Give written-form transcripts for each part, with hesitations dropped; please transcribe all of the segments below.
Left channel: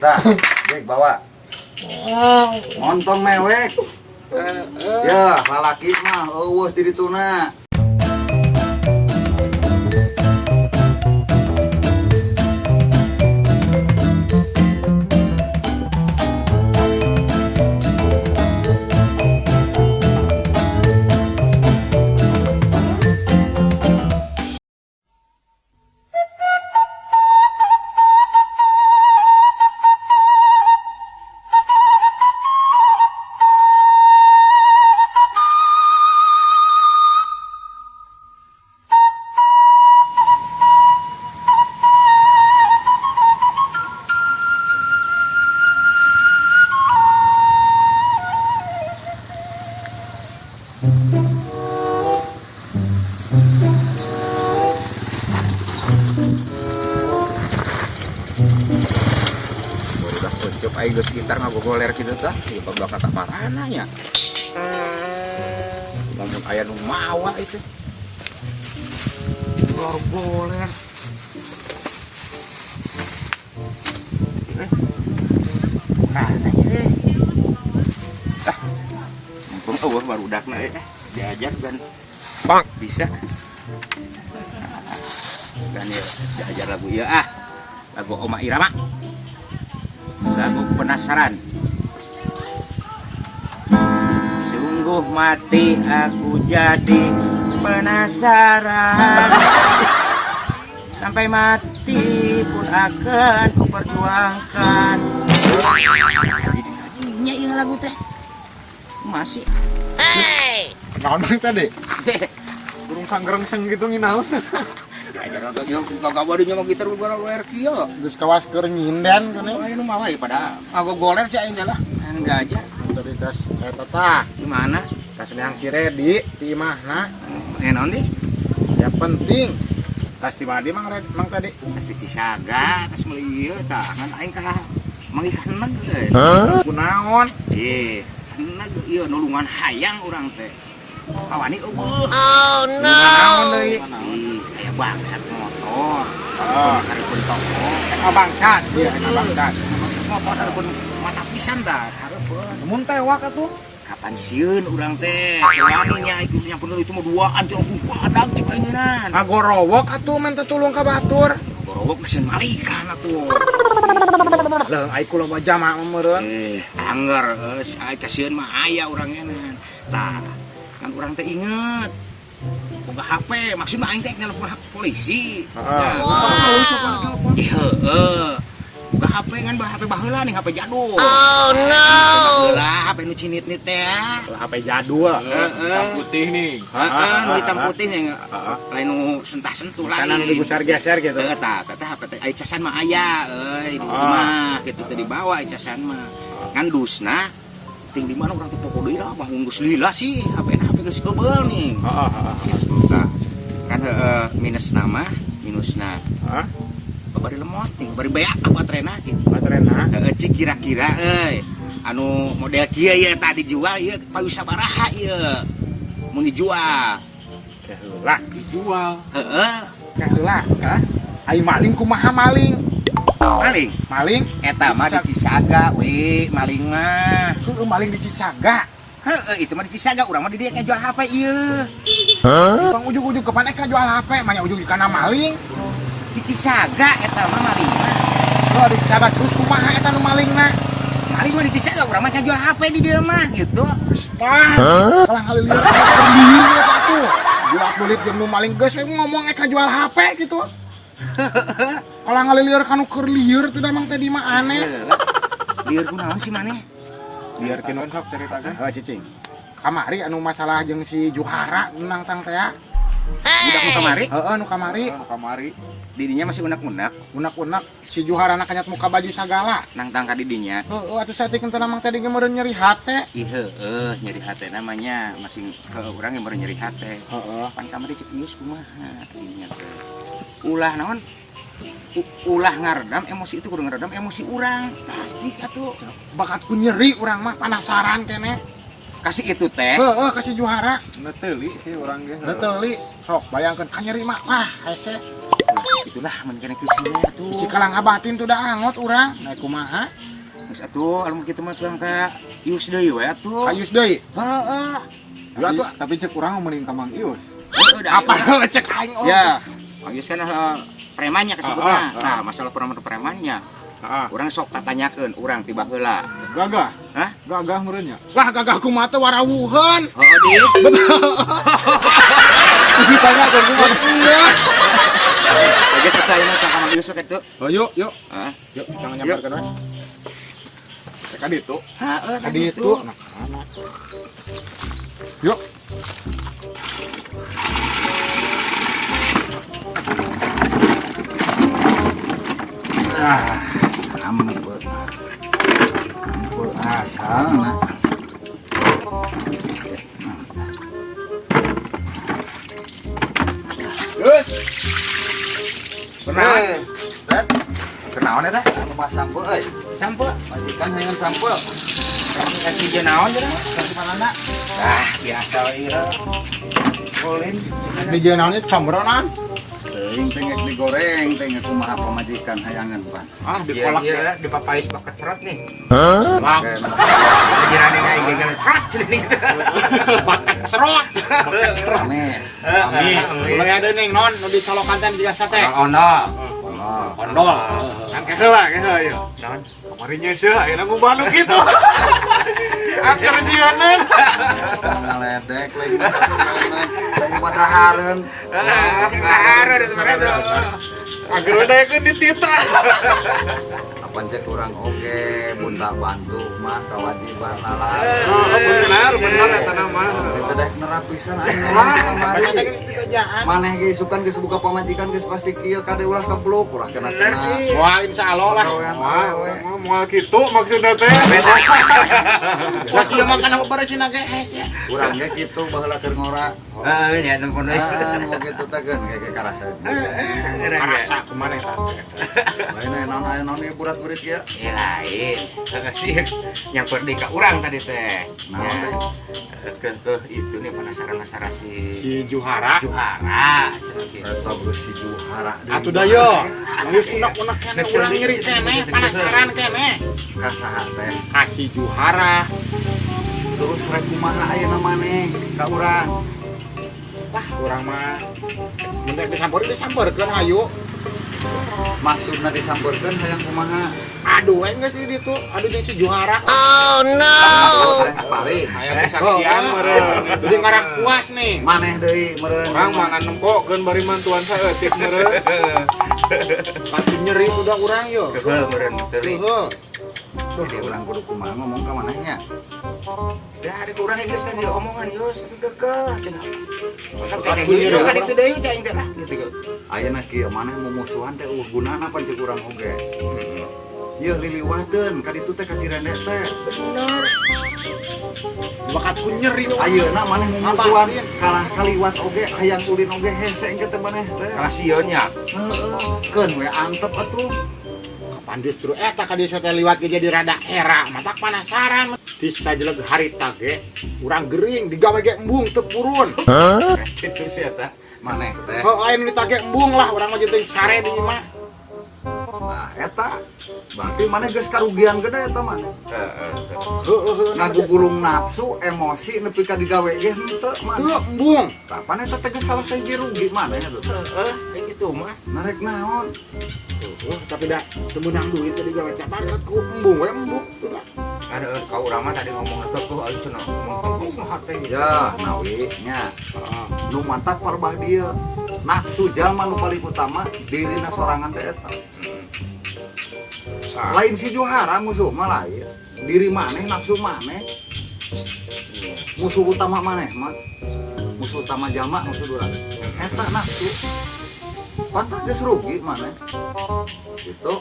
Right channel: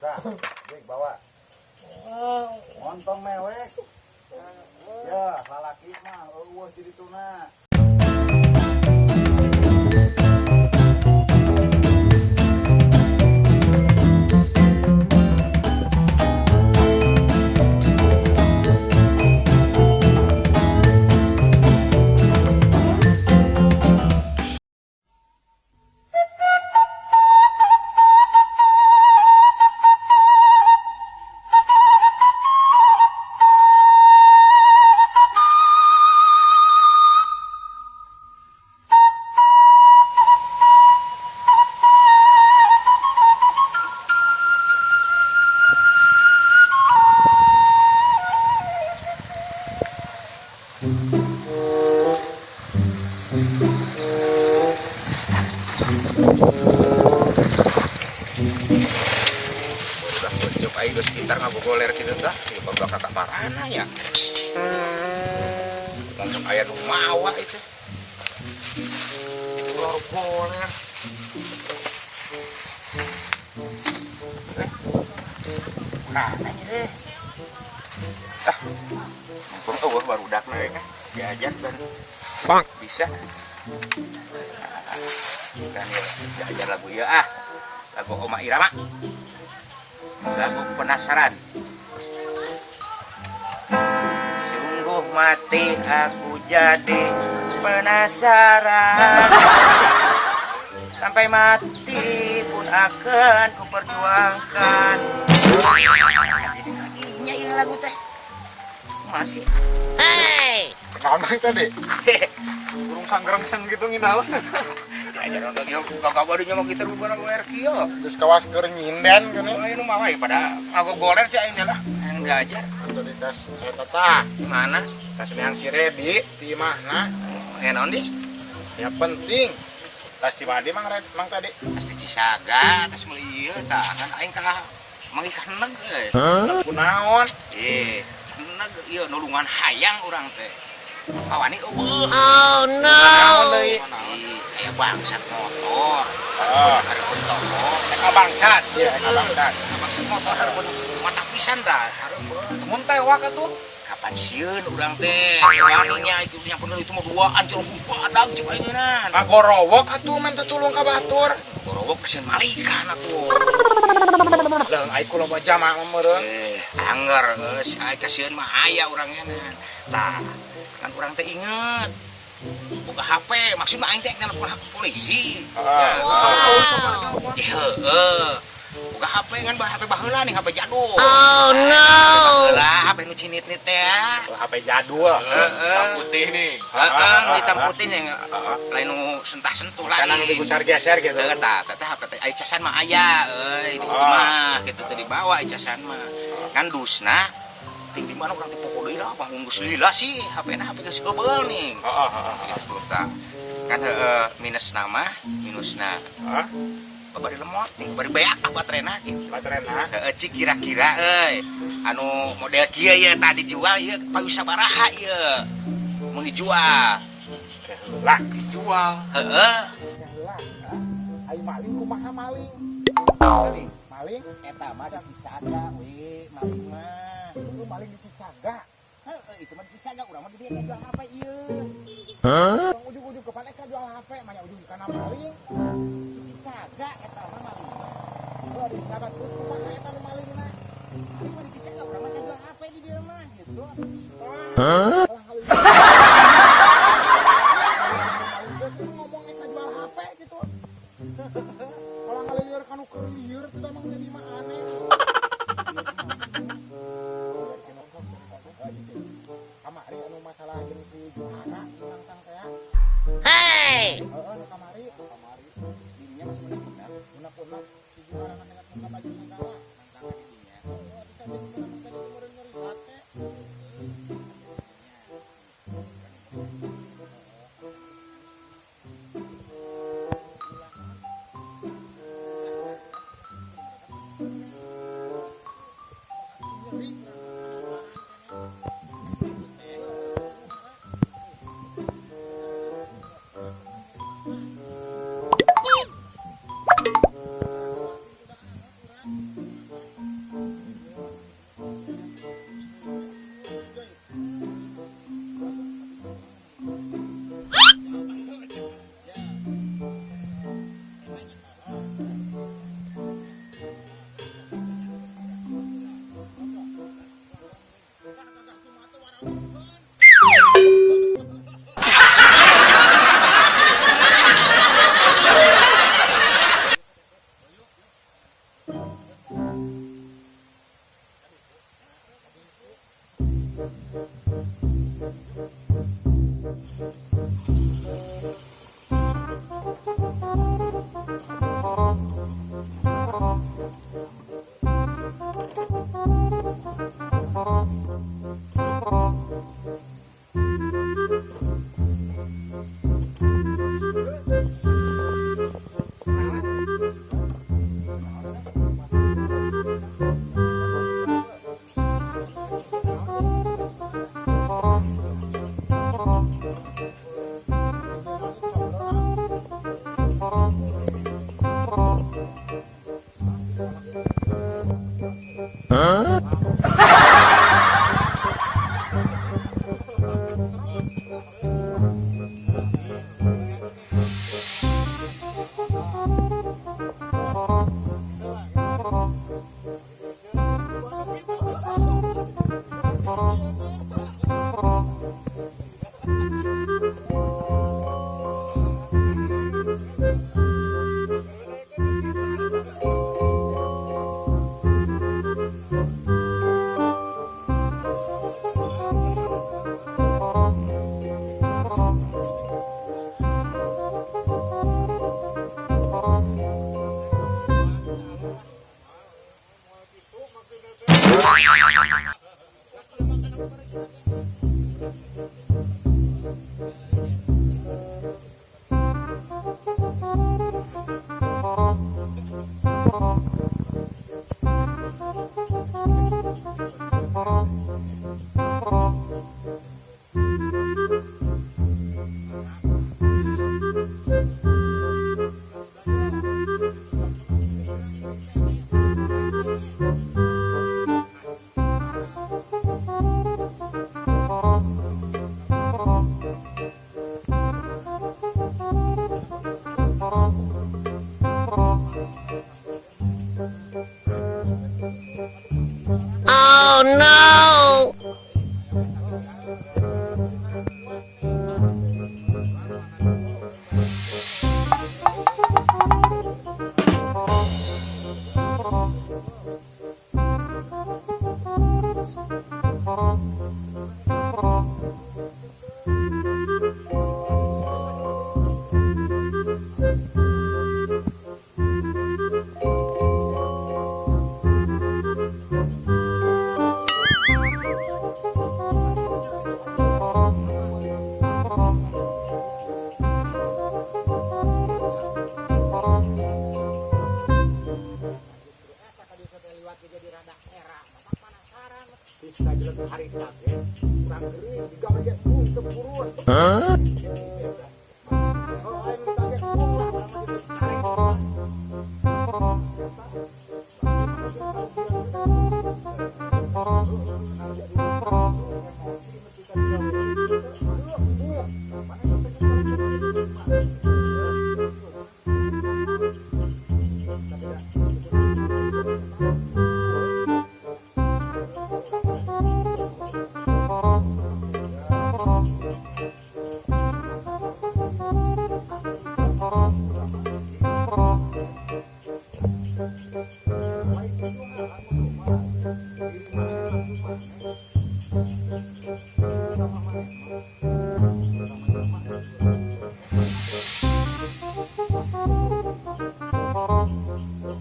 Dah, Dik bawa. Montong mewek. Ya, lalaki mah eueuh di dituna. Udah kucuk aing geus gitar ngagogoler kitu tah, ieu baru kata marana nya. Lamun aya nu mawa itu. Itu baru goler. Kananya Ah. Mumpung eueuh barudakna diajak dan bang bisa. Dan ya diajar lagu ieu lagu Oma Irama. Lagu penasaran. Sungguh mati aku jadi penasaran. Sampai mati pun akan ku perjuangkan. Jadi kaginya ieu lagu teh. Masih. Hey! Kenapa tadi? Burung sanggerengseng gitu nginaus. Diajar untuk ieu gagak badinya mah gitar bubar goler kieu. Geus kawas keur nyinden kana. Oh, ini mah wae pada ngagogoler cai aing teh lah. Yang diajar. Tadi tas eta tah. Di mana? Tas yang si Redi di imahna. Naon di? Ya penting. Tas di mana mang tadi? Tas di Cisaga, tas meuli ieu tah ngan aing ka mangikan neug euy. Kunaon? Neug ieu nulungan hayang urang teh. Kawani eueuh. Oh no! Aya bangsat motor. Hareupeun toko. Bangsat. Bangsat. Bangsat motor hareupeun mata pisan tah, hareupeun. Mun tewak atuh. Kapan sieun urang teh? Wani nya iku nyampeun itu mah duaan cuma badag cuk ayeunaan. Ngagorowok atuh men tulung ka batur. Gorowok keseun malikan atuh. Lah ai kula baca mah meureun. Anggar geus ai kasieun mah aya urang enan. Tah, kan urang teh inget. Boga HP, maksudna aing teh nelpon polisi. Heeh. Boga HP kan HP baheula nih, HP jadul. Oh no! Baheula HP nu cinit-nit teh. HP jadul. Hitam putih nih. Heeh, nu hitam putih nya lain nu sentah-sentuh lain. Kanang digusar-geser gitu. Teu tah, HP teh aya casan mah aya euy di imah kitu teh dibawa casan mah. Kan dusna ting di mana urang teh pokok deui lah, mah ngunggus lila sih, HP-na HP geus heubeul nih. Gitu tah. Kan minusna Hah? bari lemot nih, bari beak baterena kitu. Baterena. Heeh, cik kira-kira euy. Anu model kieu ye tadi dijual ieu pawi sabaraha ieu? Mun dijual. Keheula dijual. Heeh. Keheula. Hah? Ai maling kumaha maling? Maling. Maling? Eta mah di Cisaga we, maling mah. Heeh, maling di Cisaga. Heeh, itu mah di Cisaga, urang mah di dieu jual HP ieu. Bang ujug-ujug kapan eka jual HP, manya ujug kana maling. Di Cisaga eta mah maling mah. Lo di Cisaga terus kumaha eta nu malingna? Maling mah di Cisaga, urang mah jual HP di dieu mah gitu. Tah, kalang halilieu atuh. Bulat-bulit jeung nu maling geus we ngomong eka jual HP gitu. Kalang halilieur kanu keur lieur teh damang teh di mah aneh. Lieur kunaon sih maneh? Biar kieu sok ceritakeun. Heuh cicing. Kamari anu masalah jeung si Juhara menang tang teh. Budak nu kamari? Heeh, nu kamari. Kamari. Didinya masih unak-unak, Unak-unak si Juhara kanyat muka baju sagala. nang tangka didinya. Heeh, atuh saeutik teh damang teh meureun nyeri hate. Ih heueuh, nyeri hate namanya, masih urang yang nyeri hate. Heeh. Pan kamari cek geus kumaha didinya teh. Ulah naon? Ulah ngaredam emosi itu kudu ngaredam emosi urang. Pasti atuh. Bakatku nyeri urang mah penasaran kene. Kasih itu teh. Heeh, kasih Juhara. Neuteuli sih urang ge. Neuteuli. Sok bayangkeun ka nyeri mah. Wah, hese. itulah mendingan kesini atuh. Si kalang abatin tuh dah angot urang. Nah kumaha? Geus atuh anu kitu mah curang ka Ius deui we atuh. Ayus deui. Heeh. Tapi cek urang mending ka Mang Ius. Apa cek aing oh. ya, Mang Ius kan premannya kesebutna. Nah, masalah premannya. Urang sok katanyakeun urang tiba heula. Gagah. Hah? Gagah meureunnya. Lah gagah kumaha teh warawuheun. Heeh, Dik. Geus sekali mah cak Ius we kitu. Oh yuk. Heeh. Yuk, jangan nyamperkeun we. Cek adi itu. Heeh, Adi itu. Yuk. Sama asal. Kenaon eta? Rumah sampel euy. Sampel. Majikan hayang sampel. Kasih jenaon jeung Malanda. Biasa we ieu. Boleh. Di jenaonnya combronan. Teuing teh geus digoreng teh geus kumaha pamajikan hayangan pan. Dikolak ya, dipapais pakai cerot nih. Bang. Kirane kayak gara-gara cerot cening. Serot. Manis. Mulai ada nih non nu dicolokan biasa teh. Ono. Ondol. Kan keheula ya. Kemarin nyeuseul ayeuna mu Bandung gitu. Angker sieun. Ngaledek lagi. Lagi padahareun. Hahaha itu mana tuh? Angker daekeun di tita. Apa cek kurang oke, bunda bantu mah kewajiban lalai. Bener eta nama. Kedek nerapisan maneh ge isukan geus buka pamajikan geus pasti kieu kade ulah kepluk urang kena sih. Wah insyaallah lah. Moal kitu maksudna teh. Wah ieu mah kana beresina geus ya. urang ge kitu baheula keur ngora. Ya tempun deui. Mau kitu teh geus ge karasa. Rasa kemarin. Lain naon ieu kurat-kurit kieu. Ya lain. Agak sih yang penting ka urang tadi teh. Nah, Ke itu nih penasaran si Juhara. Juhara. atau si Juhara. Atuh da yo. Geus unek-unek kene urang nyeri kene, penasaran kene. Kasaha teh. Kasih Juhara. Terus rek kumaha ayeuna maneh ka urang. Wah, urang mah mun disampeurkeun hayu. Maksudna disampeurkeun hayang kumaha? Aduh, geus di ditu. Aduh jeung si Juhara. Oh no! Pari. Hayang saksian meureun. Jadi ngarang puas nih. Maneh deui meureun. Urang mah ngan nempokeun bari mantuan saeutik meureun. Pasti nyeri udah urang yo. Kebeureun teuing. Heeh. Jadi urang kudu kumaha ngomong ka manehnya. Dari urang geus diomongan geus dikekeh cenah. Kayak gitu kan itu deui cai teh. Ayeuna kieu maneh mumusuhan teh gunana pan cek urang oge. Ieu liliwadeun ka ditu teh ka Cirende teh. Bakat pun nyeri. Ayeuna maneh mumusuhan kalah kaliwat oge hayang ulin oge hese engke teh maneh teh. Kasionya. Heeh, keun we antep atuh. Kapan justru eta ka dieu teh liwat ge jadi rada era, matak penasaran. Di sajeleg harita ge urang gering digawe ge embung teu purun. Kitu sih eta. Maneh teh. Heuh aya nu ditage embung lah urang mah jeung sare di mah. Nah, eta berarti maneh geus karugian gede eta mah. Heuh Ngagugulung nafsu, emosi nepi ka digawe ge henteu mah. teu embung. Kapan eta teh geus salah sahiji rugi maneh atuh. Kayak gitu mah. Narek naon? Tapi dah teu meunang duit teh digawe teh banget ku embung we embung. Ada kau urang mah tadi ngomong atuh ayo cenah ngomong saha teh. Ya, nawi nya. Nu mantap parbah dieu. Nafsu jalma nu paling utama dirina sorangan teh eta. Lain si Juhara musuh mah lain. Diri maneh nafsu maneh. Musuh utama maneh mah. Musuh utama jalma musuh durang. Eta nafsu. Pantas geus rugi maneh. Gitu.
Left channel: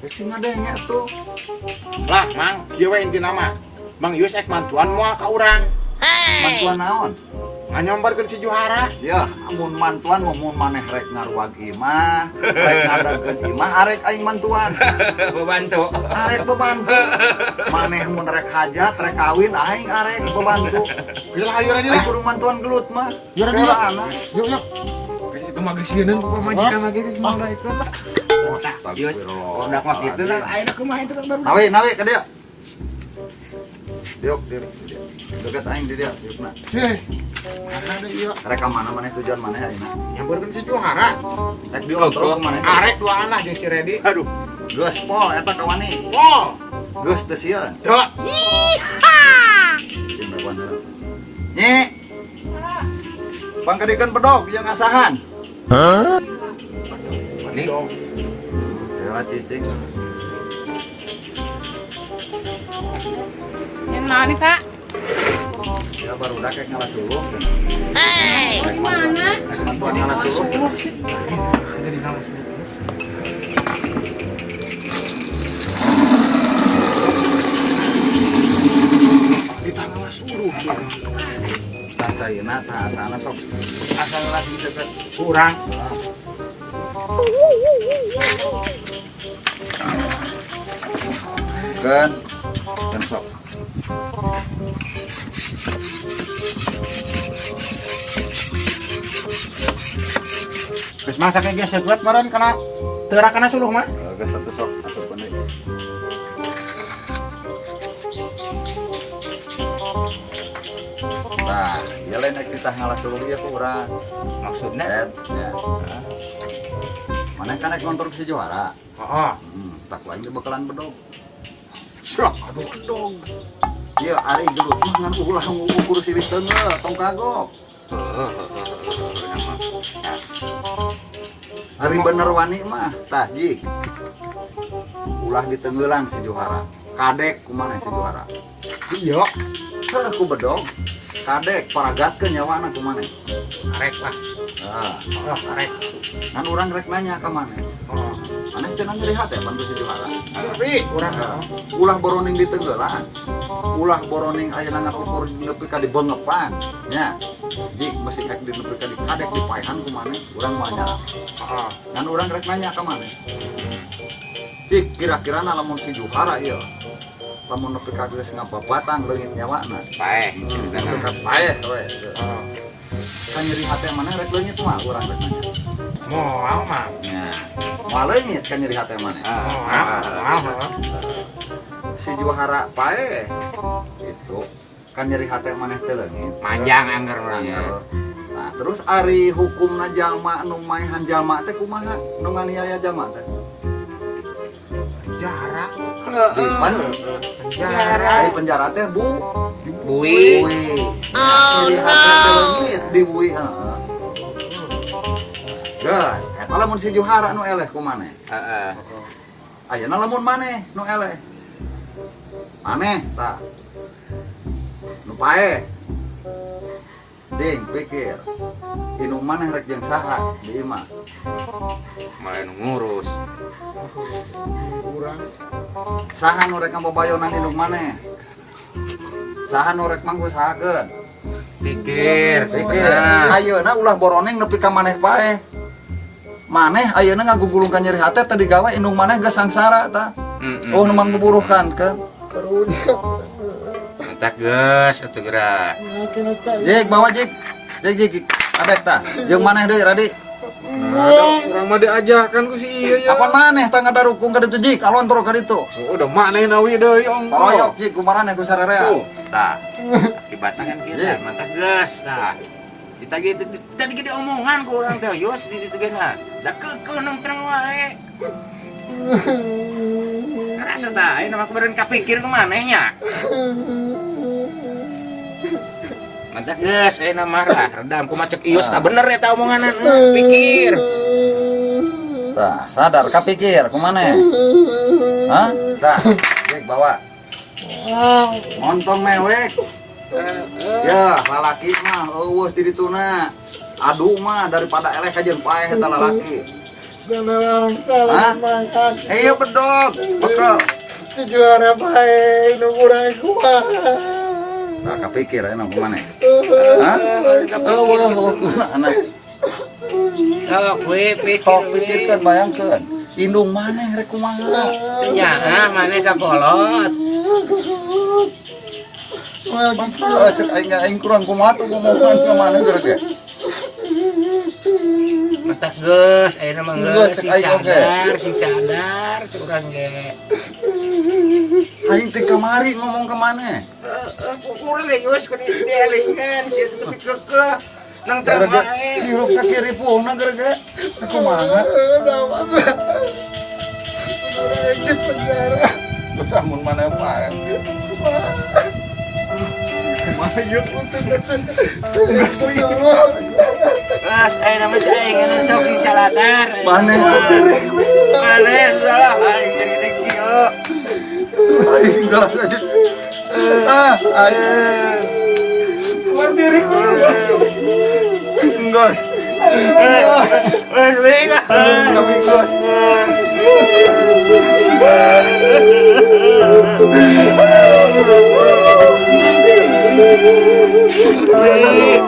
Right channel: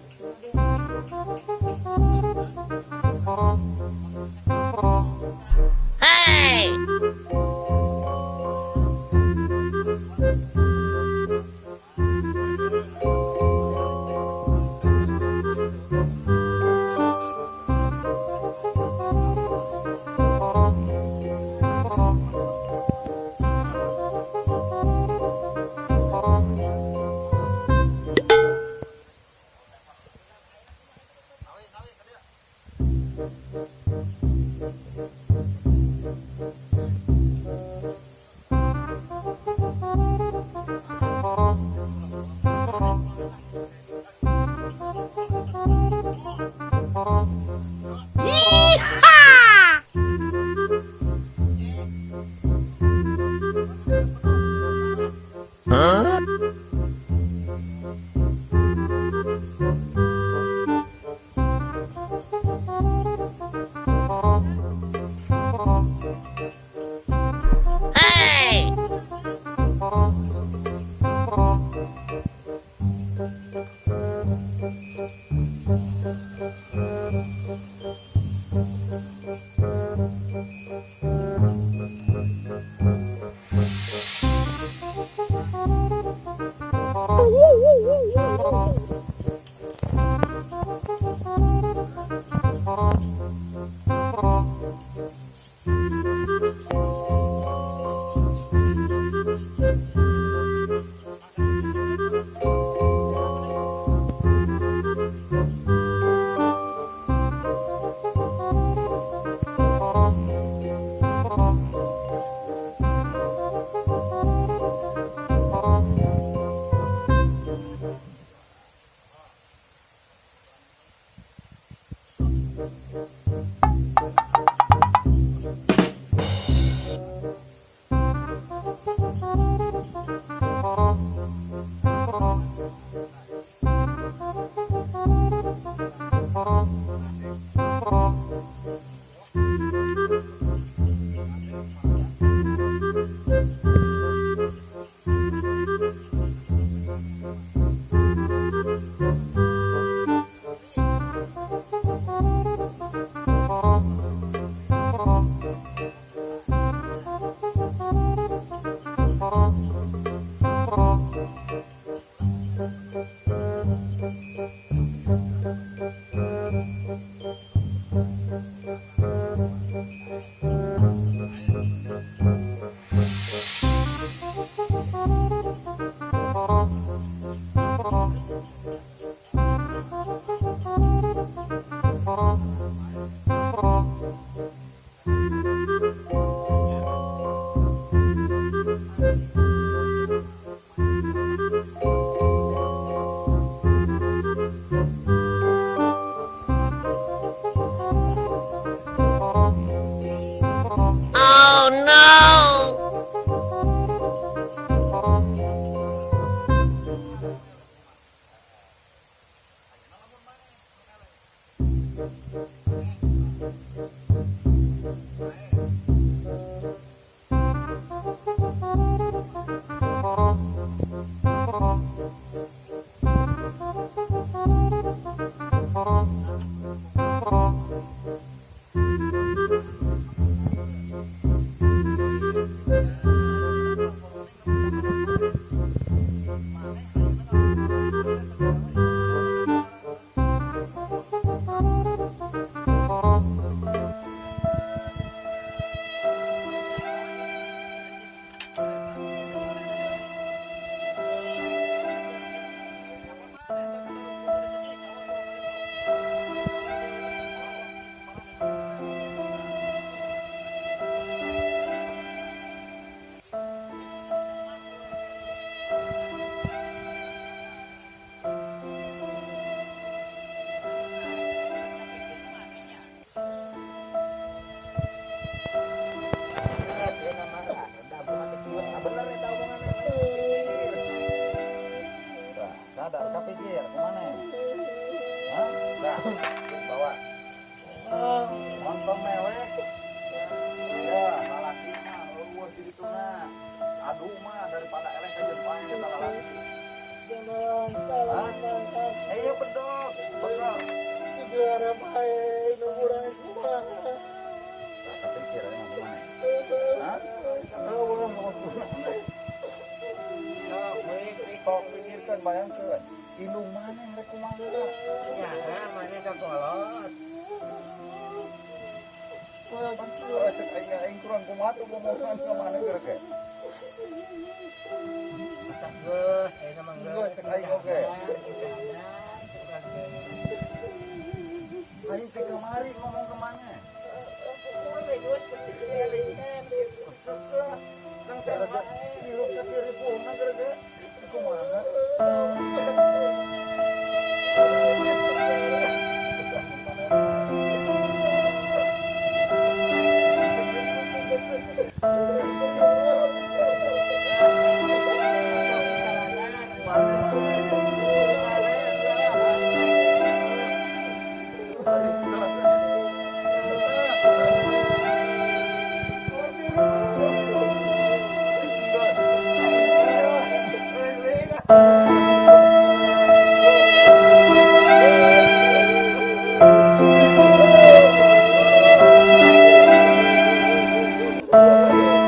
Rek sing ngadenya tuh. Lah Mang, dieu we intina mah. Mang Yus ek mantuan moal ka urang. Hey! Mantuan naon? Nganyombarkeun si Juhara. Ya, amun mantuan mau maneh rek ngaruag imah, rek ngadarkeun imah, arek aing mantuan. Bebantu. Arek bebantu. Maneh mun rek hajat, rek kawin aing arek bebantu. Bila hayu ra Aing kudu mantuan gelut mah. Yura Bela dia. anak. Yuk yuk. Itu magis sieun majikan lagi gimana itu. Bagus. Udah mah gitu kan ayeuna kumaha itu kan baru. Nawi ke dia. Diuk. Dekat aing di dia. Diuk na. Ada deh iya. Rek mana tujuan mana ya? Yang bener si Juara. Rek di ngobrol ke mana? Arek dua anak jeung si Redi. Aduh. Geus pol eta ka mana? Oh. Geus teh sieun. Tuh. Nyi. Pangkadikan bedog yang asahan. Ini Ya cicing. Yang mana Pak? Ya baru udah kayak ngalah dulu. Hey! Gimana? Cacayeuna tah asalna sok asalna seukeut Kurang. kan sok. Geus masak ge biasa buat meureun kana teu kana suluh mah. Geus satu sok. Nah, jalan kita ngalah dulu ya kurang. maksudnya Mana kan naik motor si Juara. Heeh. Tak lain di bakalan bedog. Srok aduh dong. Iya, hari dulu ngan ulah ngukur si tengah tong kagok. Hari bener wani mah tah jik. Ulah di tenggelan si Juara. Kadek kumaha si Juara. Iya. Heuh ku bedog. Kadek paragatkeun nyawana kumaha. Rek lah. Nah, Rek. kan urang rek nanya ka mana. Aneh cenah nyeri hate pan si Juara. Tapi kurang. Ulah boroning di tenggelan. Ulah boroning ayeuna ngakukur nepi ka dibengepan nya jik masih kayak di nepi ka di kadek di paehan kumaha urang mah nya kan urang rek nanya ka mana jik kira-kira lamun si Juhara ieu lamun nepi ka geus ngababatang leungit nyawana paeh nepi ka paeh we kan nyeri hate mana rek leungit mah urang rek nanya Moal mah. nya moal leungit kan nyeri hate mana si Juhara paeh gitu kan nyeri hati maneh teh leungit panjang anggar urang. nah terus ari hukumna jalma nu maehan jalma teh kumaha nu nganiaya jalma teh penjara di penjara teh Bui. Oh no! di bui geus eta lamun si Juhara nu eleh kumaneh Heeh. ayeuna lamun maneh nu eleh maneh tah nu paeh cing pikir inung maneh rek jeung saha ieu mah Main ngurus. saha nu rek ngabobayonan inung maneh saha nu rek manggu sahakeun Pikir. pikir ayeuna ulah boroneng nepi ka maneh paeh maneh ayeuna ngagugulungkan nyeri hate teh digawe inung maneh geus sangsara tah oh nu mangguburuhkan ke Entak geus atuh geura. jik bawa jik abek tah jeung maneh deui Radi Urang mah diajakan ku si ieu ya. apon maneh tah ngadarukung ka ditu jik alon toro ka ditu Udah maneh nawi deui ongko. royok jik kumaraneh ku sarerea Tah. Ibaratna kan kita mata geus tah. Kita gitu tadi gede omongan ku urang teh yos di ditu geuna. Da keukeuh nongkrong wae. Rasa tah ayeuna mah kemarin kapikir ke manehnya. Mata geus ayeuna marah redam ku macek ius tah bener eta omonganan pikir. tah sadar kapikir kumaneh hah tah jik bawa montong mewek ya lalaki mah eueuh ti dituna adu mah daripada eleh ka jeung paeh eta lalaki hah iya bedog bekel Si Juara bae nu urang kumaha. tah kapikir ayeuna kumaneh hah eueuh kumaha Oh, gue pikir. sok pikirkeun bayangkeun indung maneh rek kumaha Nya, maneh kakolot. cek aing kurang kumaha tuh ngomongan ke maneh geura ge teh geus ayeuna mah Geus, geus sing aing oge. sadar curang ge. Aing teh kamari ngomong ke mana? Urang ge geus kun dielingan sia teh tapi kekeh. Nang teh Gara-gara bae. hirup sakiri puungna gara-gara kumaha? Lamun mana mah. Mana ieu Mas ayeuna mah cai aing sok sing saladar. Mana Mana salah aing dik kieu. aing galak aja. Aing. Keluar diri Enggos. Kami gos. Aing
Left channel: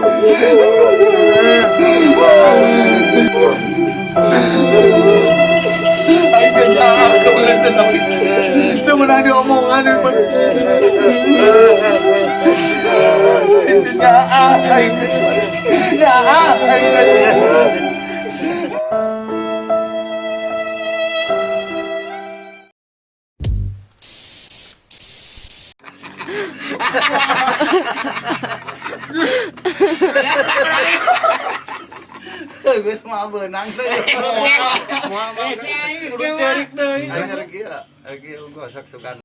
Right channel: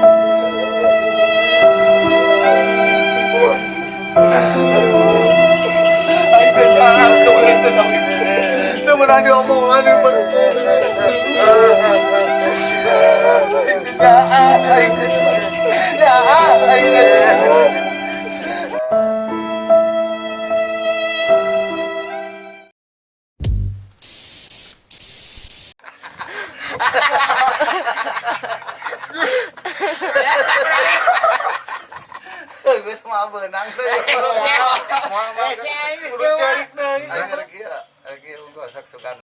jangan kemarin tenang. Temen ada omongan gue sama benang tuh. Aing ngerti ya, lagi unggul sak sukan